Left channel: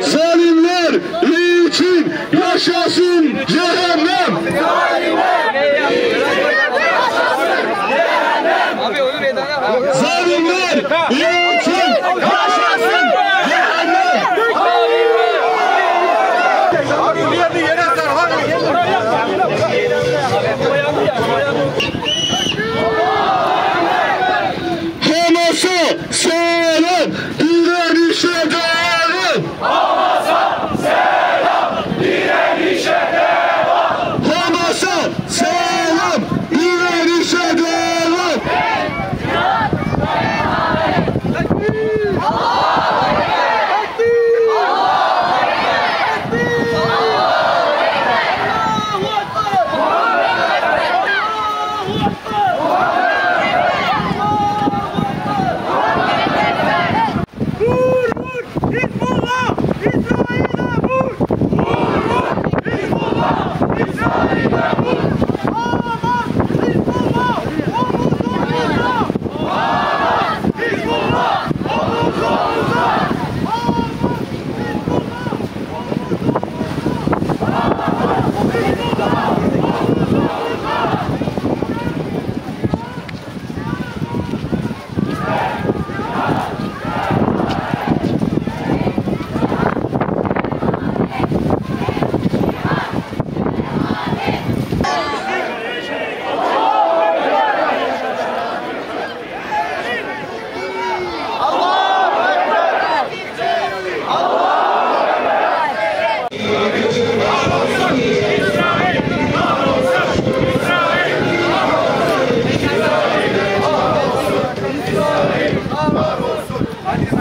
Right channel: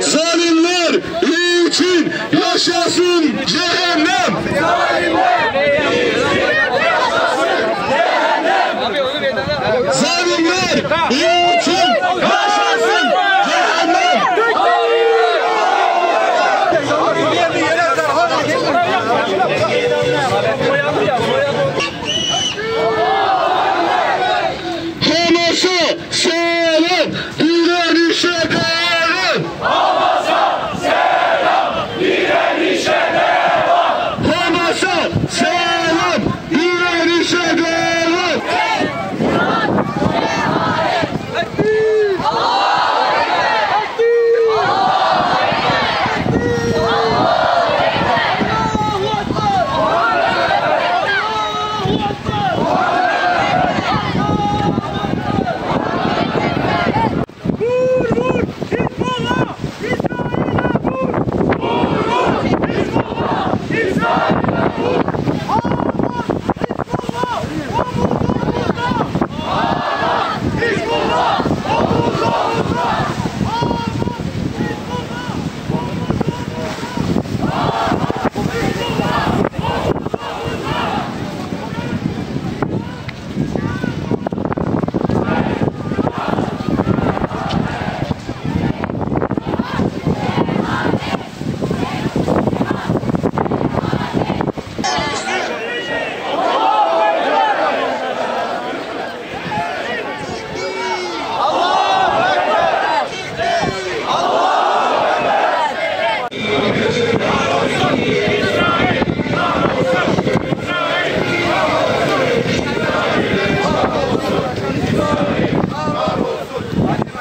Zalimler için yaşasın cehennem. Zalimler için yaşasın cehennem. Hamas'a selam, direnişe devam. Hamas'a selam, direnişe devam. Hamas'a selam, direnişe devam. Vur vur, Hizbullah, İsrail'e vur. Vur vur, Hizbullah, İsrail'e vur. Hamas, Hizbullah, Hizbullah,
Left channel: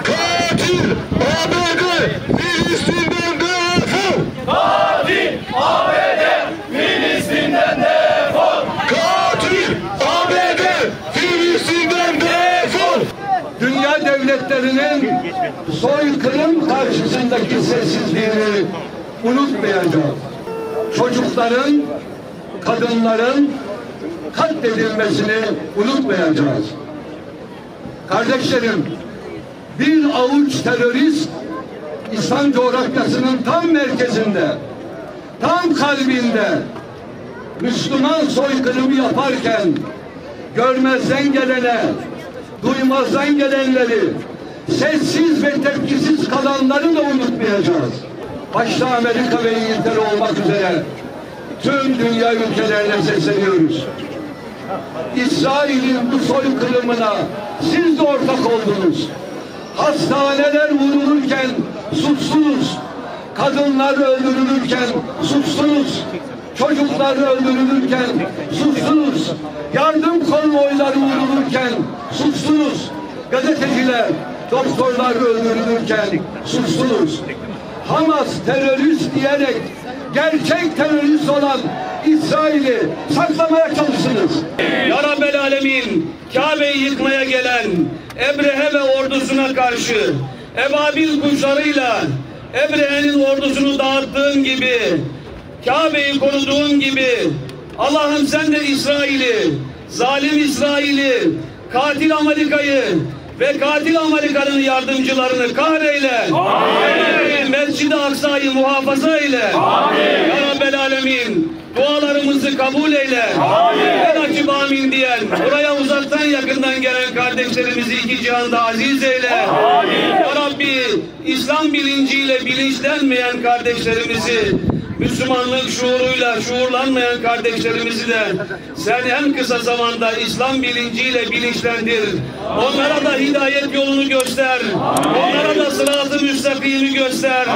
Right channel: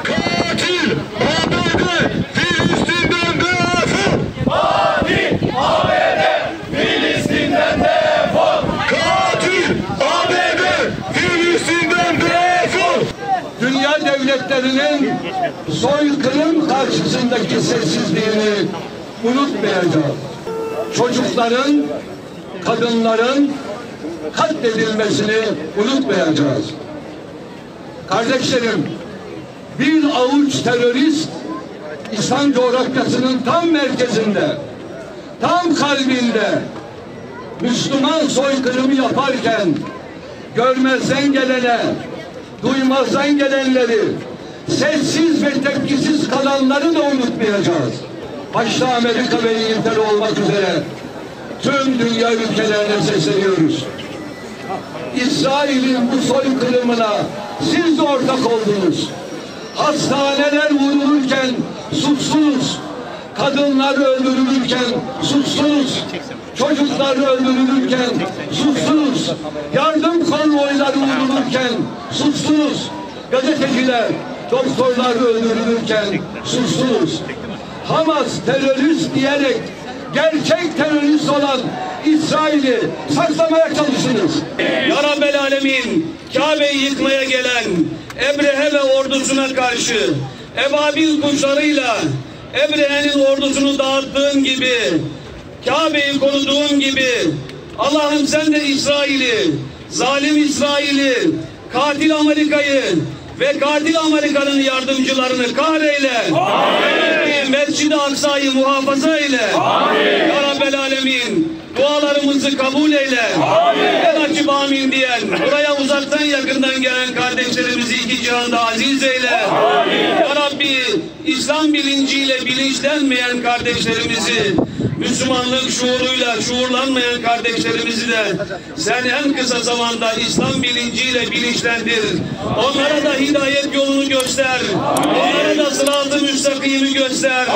Katil ABD Filistin'den defol. Katil ABD, Filistin'den defol. Katil ABD Filistin'den defol. Dünya devletlerinin soykırım karşısındaki sessizliğini unutmayacağız. Çocukların, kadınların katledilmesini unutmayacağız. Kardeşlerim, bir avuç terörist İslam coğrafyasının tam merkezinde, tam kalbinde Müslüman soykırımı yaparken görmezden gelene, duymazdan gelenleri, sessiz ve tepkisiz kalanları da unutmayacağız. Başta Amerika ve İngiltere olmak üzere tüm dünya ülkelerine sesleniyoruz. İsrail'in bu soykırımına siz de ortak oldunuz. Hastaneler vurulurken suçsunuz. Kadınlar öldürülürken suçsunuz. Çocuklar öldürülürken suçsunuz. Yardım konvoyları vurulurken suçsunuz. Gazeteciler, doktorlar öldürülürken suçsunuz. Hamas terörist diyerek gerçek terörist olan İsrail'i saklamaya çalışsınız. Ya Rabbel Alemin, Kabe'yi yıkmaya gelen Ebrehe ve ordusuna karşı ebabil kuşlarıyla Ebrehe'nin ordusunu dağıttığın gibi, Kabe'yi koruduğun gibi Allah'ım sen de İsrail'i, zalim İsrail'i, katil Amerika'yı ve katil Amerika'nın yardımcılarını kahreyle. Amin. Mescid-i Aksa'yı muhafaza eyle. Amin. Ya Rabbel Alemin, dualarımızı kabul eyle. Amin. En açıp amin diyen, buraya uzaktan yakından gelen kardeşlerimizi iki cihanda aziz eyle. Amin. Ya Rabbi, İslam bilinciyle bilinçlenmeyen kardeşlerimizi, Müslümanlık şuuruyla şuurlanmayan kardeşlerimizi de sen en kısa zamanda İslam bilinciyle bilinçlendir. Onlara da hidayet yolunu göster. Onlara da sırat-ı müstakimi göster.